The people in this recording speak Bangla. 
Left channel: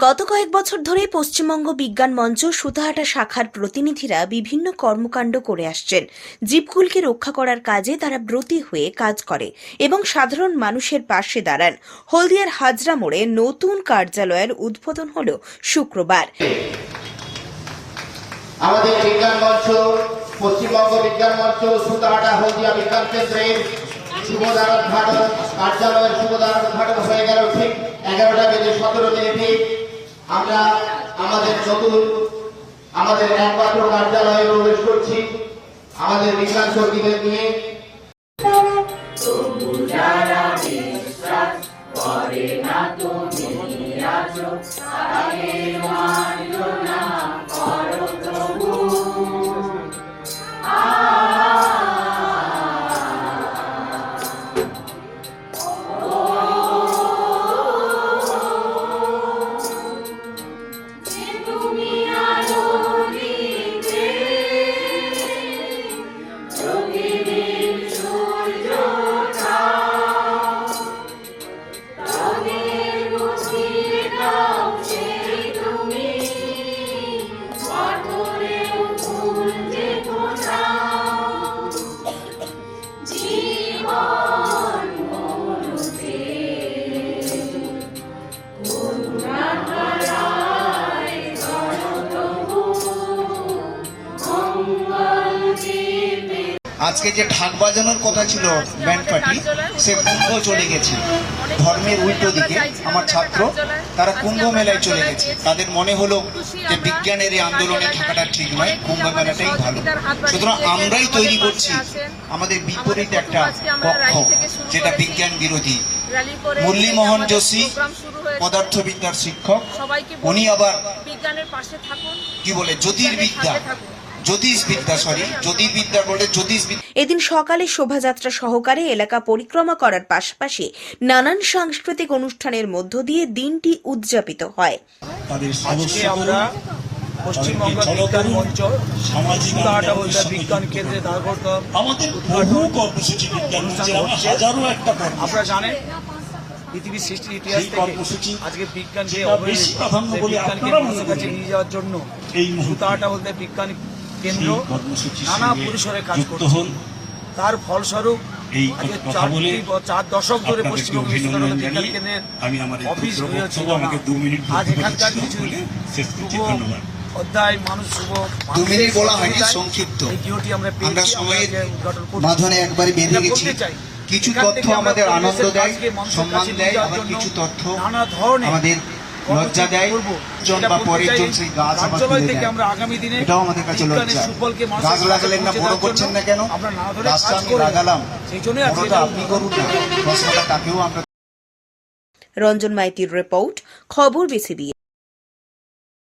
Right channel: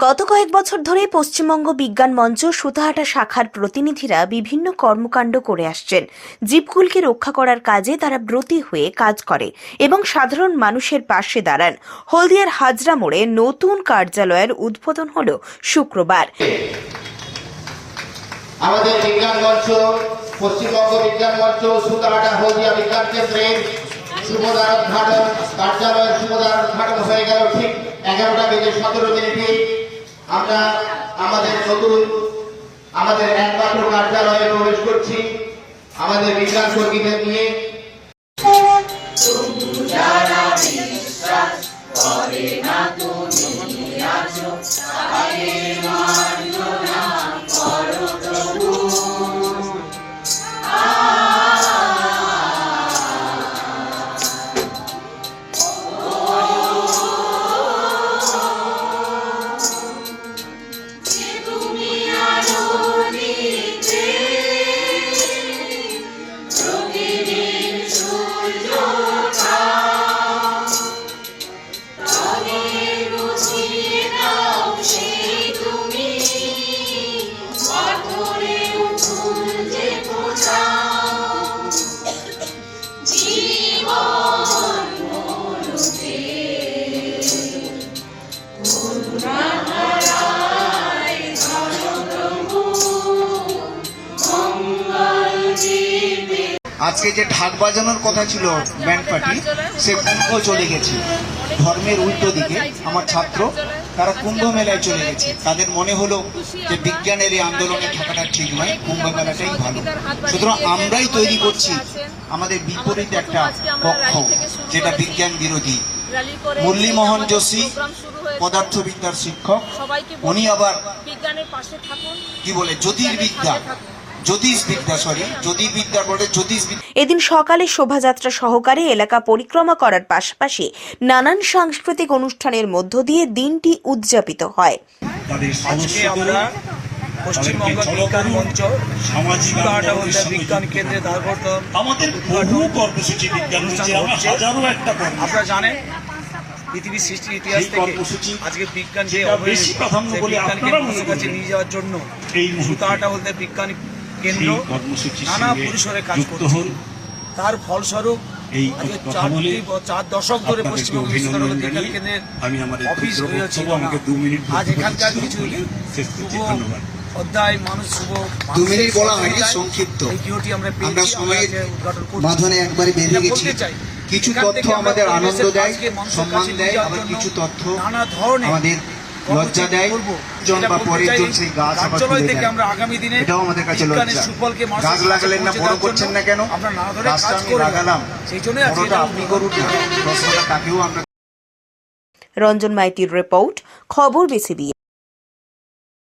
গত কয়েক বছর ধরে পশ্চিমবঙ্গ বিজ্ঞান মঞ্চ সুতাহাটা শাখার প্রতিনিধিরা বিভিন্ন কর্মকাণ্ড করে আসছেন। জীবকুলকে রক্ষা করার কাজে তারা ব্রতী হয়ে কাজ করে এবং সাধারণ মানুষের পাশে দাঁড়ান। হলদিয়ার হাজরা মোড়ে নতুন কার্যালয়ের উদ্বোধন হল শুক্রবার। আমাদের বিজ্ঞান মঞ্চ পশ্চিমবঙ্গ বিজ্ঞান মঞ্চ সুতাহাটা হলদিয়া বিজ্ঞান কেন্দ্রের শুভদার উদ্ঘাটন কার্যালয়ের শুভদার উদ্ঘাটন হয়ে গেল ঠিক 11টা বেজে 17 মিনিটে। আমরা আমাদের একমাত্র কার্যালয়ে প্রবেশ করছি আমাদের বিজ্ঞান কর্মীদের নিয়ে। আজকে যে ঢাক বাজানোর কথা ছিল ব্যান্ড পার্টি, সে কুম্ভ চলে গেছে। ধর্মের উল্টো দিকে আমার ছাত্র তারা কুম্ভ মেলায় চলে গেছে। তাদের মনে হলো যে বিজ্ঞানের এই আন্দোলনে থাকাটা ঠিক নয়, কুম্ভ মেলাটাই ভালো। সুতরাং আমরাই তৈরি করছি আমাদের বিপরীত একটা পক্ষ, যেটা বিজ্ঞান বিরোধী। মুরলীমোহন যোশী পদার্থবিদ্যার শিক্ষক, উনি আবার কি বলে জ্যোতির্বিদ্যা এদিন সকালে শোভাযাত্রা সহকারে এলাকা পরিক্রমা করার পাশাপাশি নানান সাংস্কৃতিক অনুষ্ঠানের মধ্য দিয়ে দিনটি উদযাপিত হয়। আজকে আমরা পশ্চিমবঙ্গ বিজ্ঞান মঞ্চ সুতাহাটা হলদিয়া বিজ্ঞান কেন্দ্রে উদ্ঘাটন অনুষ্ঠান হচ্ছে। আপনারা জানেন পৃথিবীর সৃষ্টির ইতিহাস থেকে আজকে বিজ্ঞান যে অবহেলিত, সেই বিজ্ঞানকে মানুষের কাছে নিয়ে যাওয়ার জন্য সুতাহাটা হলদিয়া বিজ্ঞান কেন্দ্র নানা পরিসরে কাজ করছে। তার ফলস্বরূপ আজকে 4 দশক ধরে পশ্চিমবঙ্গ বিজ্ঞান কেন্দ্রের অফিস হয়েছিল না। আজ এখানকার কিছু শুভ অধ্যায় মানুষ শুভ এই গৃহটি আমরা পেয়েছি, আমরা উদ্ঘাটন করতে চাই। কিছু তথ্য আমাদের আনন্দ দেয়, মানুষের কাছে সম্মান নিয়ে দেয়, যাওয়ার জন্য কিছু তথ্য নানা ধরনের আমাদের লজ্জা দেয়। কার্যালয় থেকে আমরা আগামী দিনে বিজ্ঞানের সুফলকে মানুষের কাছে পৌঁছে দেওয়ার জন্য আমরা নানা ধরনের কাজ করে গেলাম। সেই জন্য আজকে এটা রঞ্জন মাইতির রিপোর্ট, খবর বিসিবি।